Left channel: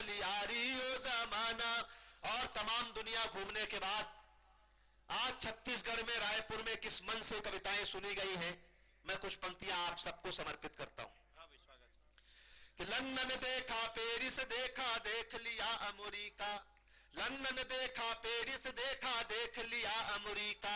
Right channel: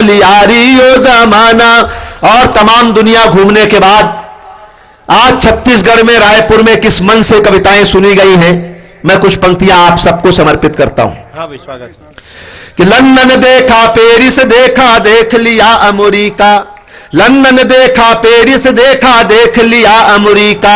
यारियो जमाना। और तमाम दुनिया घूमने के बाद आज छत्तीसगढ़ में रायपुर में किस मन से कविताएं सुनी गई हैं, मैं कुछ पंक्तियां आप सबको समर्पित करता हूं। हाँ स्वागत। कि लंदन देखा पेरिस देखा देख लिया अमेरिका, लंदन देखा पेरिस देखा देख लिया अमेरिका,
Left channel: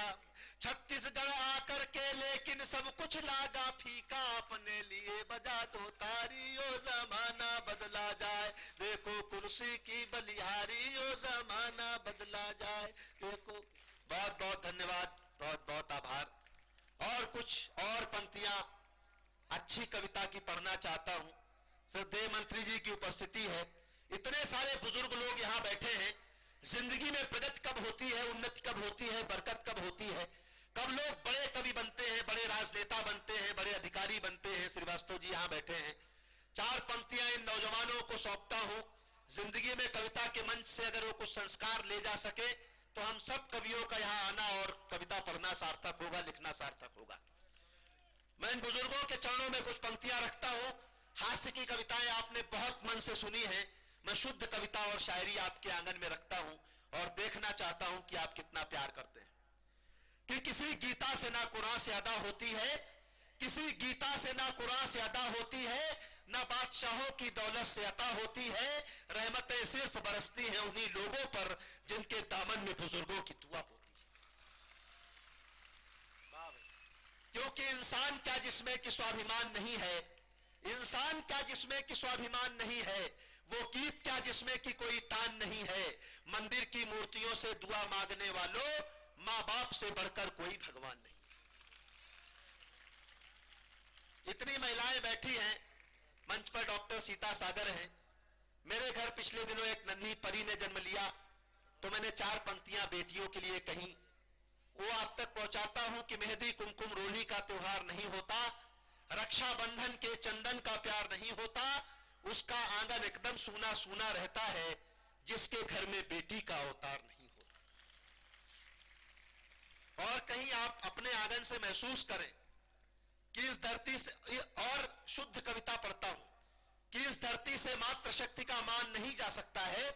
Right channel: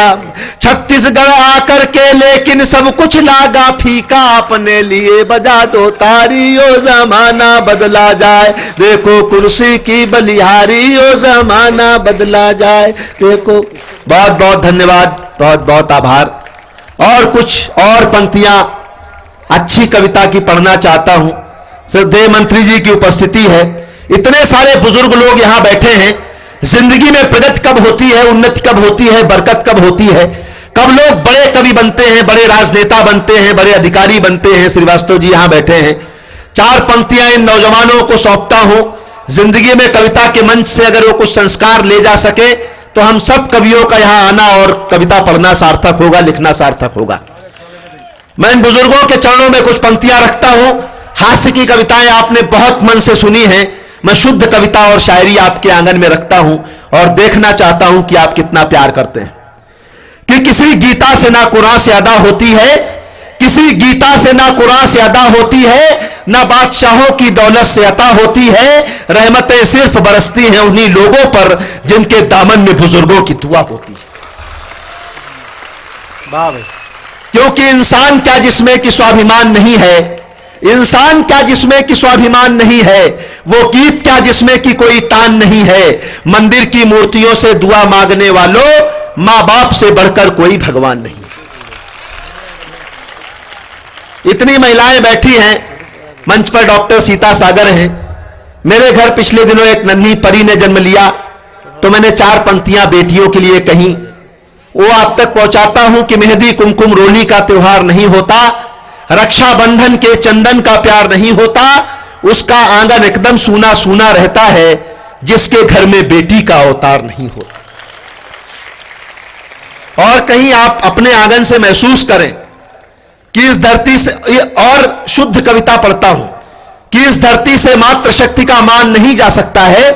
छत्तीसगढ़ आकर के लेकिन सब कुछ लागा फीका, अपने लिए बजा दो तारी ओ जमाना बदला जाए, देखो कुर्सी की बलिहारी ओ जमाना बदला जाए देखो। बहुत बहुत धन्यवाद, बहुत बहुत आभार। और कुछ और पंक्तियां अच्छी कविता की पढ़ना चाहता हूं। श्रद्धेय मंत्री जी की उपस्थिति है, इतने सारे बुजुर्ग लोग यहां बैठे हैं। जिंदगी में प्रगति कब होती है, उन्नति कब होती है, बरकत कब होती है, कब लोग बड़े कवि बनते हैं, बड़े राजनेता बनते हैं, बड़े अधिकारी बनते हैं। श्रीवास्तव जी यहां बैठे हैं। चार पंक्तियां इन नौजवानों को सौंपता हूं। जिंदगी में कविता के मंच से अगर वो कुछ संस्कार ले जा सके तो हम सब कवियों का यहां आना और कविता पढ़ना सार्थक होगा, लिखना सार्थक होगा। मैं इन बुजुर्गों के चरणों में कुछ पंक्तियां रखता हूं। हास्य की कविताएं आपने बहुत मन से सुनी हैं। मैं शुद्ध कविता और शायरी आपके आंगन में रखता हूं और देखना चाहता हूं कि आप कितना प्यार करते हैं। कि किसी गीता से ना कुरान से अदा होती है, किसी गीता से ना कुरान से अदा होती है, ना बादशाहों की दौलत से अता होती है, रहमतें सिर्फ बरसती हैं उन्हीं लोगों पर जिनके दामन में बुजुर्गों की दुआ होती है। क्योंकि इंसान क्या जिसमें कि स्वाभिमान नहीं है, इंसान क्या जिसमें कि स्वाभिमान नहीं है, वो गीत क्या जिसमें कि कोई तान नहीं है, मंदिर की मूर्तियों से दुआ मांगने वालों मां बाप से बढ़कर कोई भगवान नहीं। इतनी महिलाएं बैठी हैं, मंच पर डॉक्टर सीता सागर हैं। मेरे घर पिछले दिनों एक नन्ही परी ने जन्म लिया, तो मैंने चार पंक्तियां बेटियों के लिए कही। वो आप तक पहुंचाता हूं कि मेहंदी कुमकुम रोली का त्योहार नहीं होता, रक्षाबंधन के चंदन का प्यार नहीं होता, उसका आंगन एकदम सूना सूना रहता है जिसके घर में बेटी का अवतार नहीं होता। और कहीं आप अपने आंगन से महसूस करें कि इस धरती से, और शुद्ध कविता पढ़ता हूं, कि इस धरती से मातृशक्ति का मान नहीं जा सकता है,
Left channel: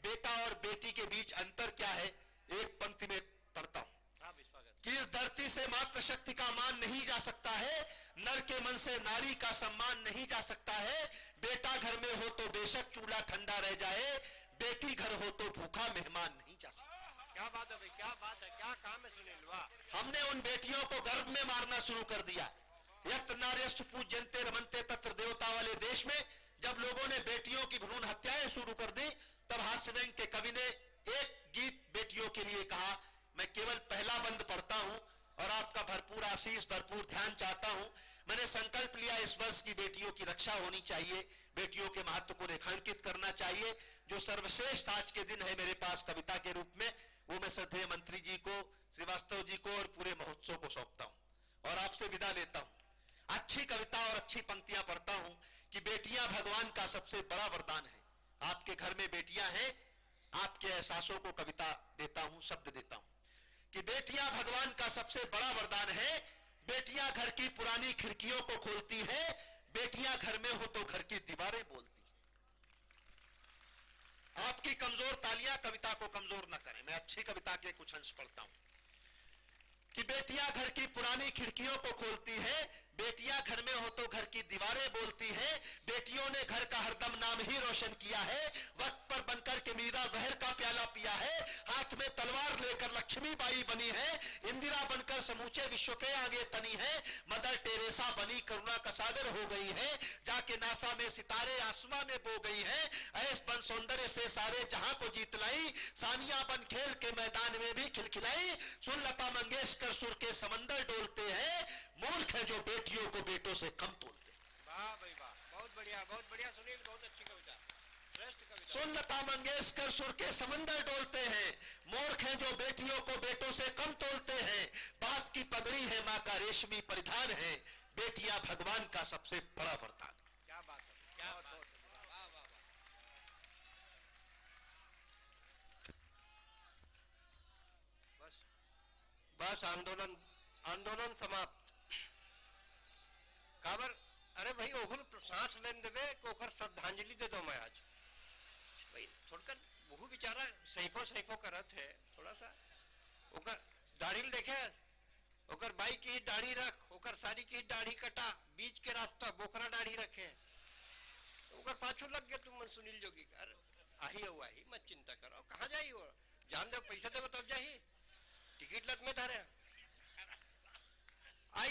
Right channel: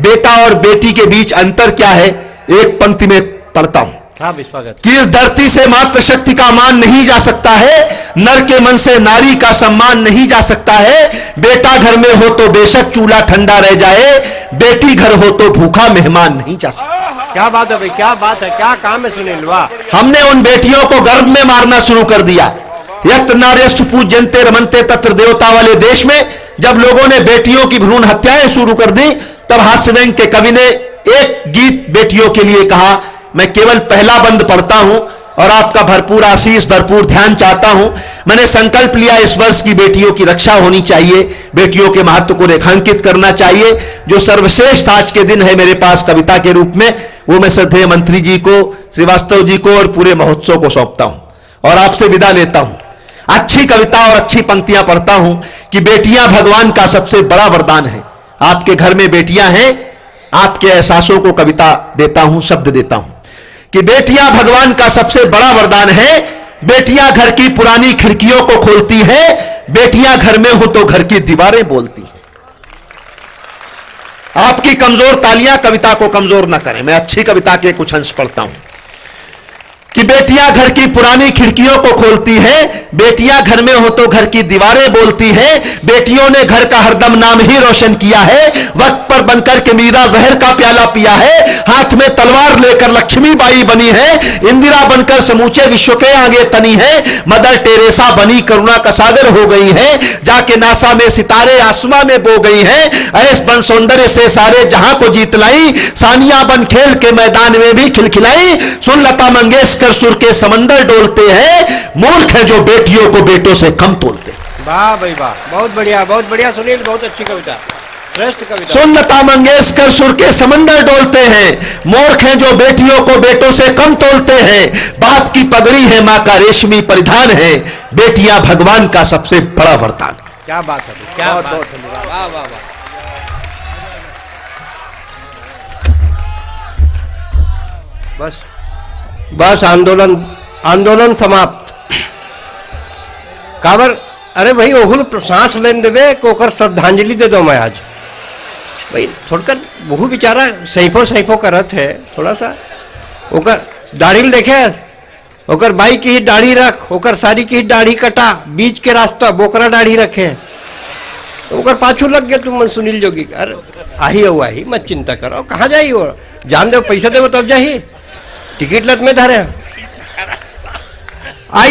बेटा और बेटी के बीच अंतर क्या है। एक पंक्ति में पढ़ता हूं कि इस धरती से मातृशक्ति का मान नहीं जा सकता है, नर के मन से नारी का सम्मान नहीं जा सकता है, बेटा घर में हो तो बेशक चूल्हा ठंडा रह जाए, बेटी घर हो तो भूखा मेहमान नहीं जा सकता। क्या बात है भाई, क्या बात है, क्या काम है सुनील। वाह। हमने उन बेटियों को गर्भ में मारना शुरू कर दिया। यत्र नार्यस्तु पूज्यन्ते रमन्ते तत्र देवता वाले देश में जब लोगों ने बेटियों की भ्रूण हत्याएं शुरू कर दी, तब हास्य व्यंग के कवि ने एक गीत बेटियों के लिए कहा। मैं केवल पहला बंद पढ़ता हूं और आपका भरपूर आशीष, भरपूर ध्यान चाहता हूं। मैंने संकल्प लिया इस वर्ष की बेटियों की रक्षा होनी चाहिए, बेटियों के महत्व को रेखांकित करना चाहिए। जो सर्वश्रेष्ठ आज के दिन है मेरे पास कविता के रूप में, वो मैं श्रद्धेय मंत्री जी को, श्रीवास्तव जी को और पूरे महोत्सव को सौंपता हूं और आपसे विदा लेता हूं। अच्छी कविता और अच्छी पंक्तियां पढ़ता हूं कि बेटियां भगवान का सबसे बड़ा वरदान है। आपके घर में बेटियां हैं, आपके एहसासों को कविता देता हूं, शब्द देता हूं कि बेटियां भगवान का सबसे बड़ा वरदान है। बेटियां घर की पुरानी खिड़कियों को खोलती है, बेटियां घर में हो तो घर की दीवारें बोलती हैं। आपकी कमजोर तालियां कविता को कमजोर ना करें। मैं अच्छी कविता के कुछ अंश पढ़ता हूं कि बेटियां घर की पुरानी खिड़कियों को खोलती है, बेटियां घर में हो तो घर की दीवारें बोलती है, बेटियों ने घर का हरदम नाम ही रोशन किया है, वक्त पर बनकर के मीरा जहर का प्याला पिया है, हाथ में तलवार लेकर लक्ष्मीबाई बनी है, इंदिरा बनकर समूचे विश्व के आगे तनी है, मदर टेरेसा बनी करुणा का सागर हो गई है, जाके नासा में सितारे आसमां में बो गई है, ऐस बन सौंदर्य से सारे जहां को जीत लाई, सानिया बन खेल के मैदान में भी खिलखिलाई, सुन लता मंगेशकर कर सुर के समंदर डोलते हैं, मूर्ख है जो बेटियों को बेटों से कम तोलते हैं। वाह भाई वाह, बहुत बढ़िया सुनील, बहुत अच्छी कविता, श्रेष्ठ कविता। सुन लता मंगेशकर सुर के समंदर डोलते हैं, मूर्ख है जो बेटियों को बेटों से कम तोलते हैं, बाप की पगड़ी है मां का रेशमी परिधान है, बेटियां भगवान का सबसे बड़ा वरदान। क्या बात है, क्या बहुत धन्यवाद। वाह वाह वाह। बस आंदोलन समाप्त। काबर अरे भाई ओहुल सांस लेन देवे को श्रद्धांजलि दे दो मैं आज। भाई थोड़कर बहु बेचारा सैफो करत है थोड़ा सा ओकर दाढ़ी देखे ओकर बाई की ही दाढ़ी रख ओकर सारी की ही दाढ़ी कटा बीच के रास्ता बोकरा दाढ़ी रखे ओकर पाछू लग गया तुम सुनील जोगी अरे आही हो आही मत चिंता करो कहाँ जाई वो जान दो पैसा दे तब जाही टिकट लत में धरे आइए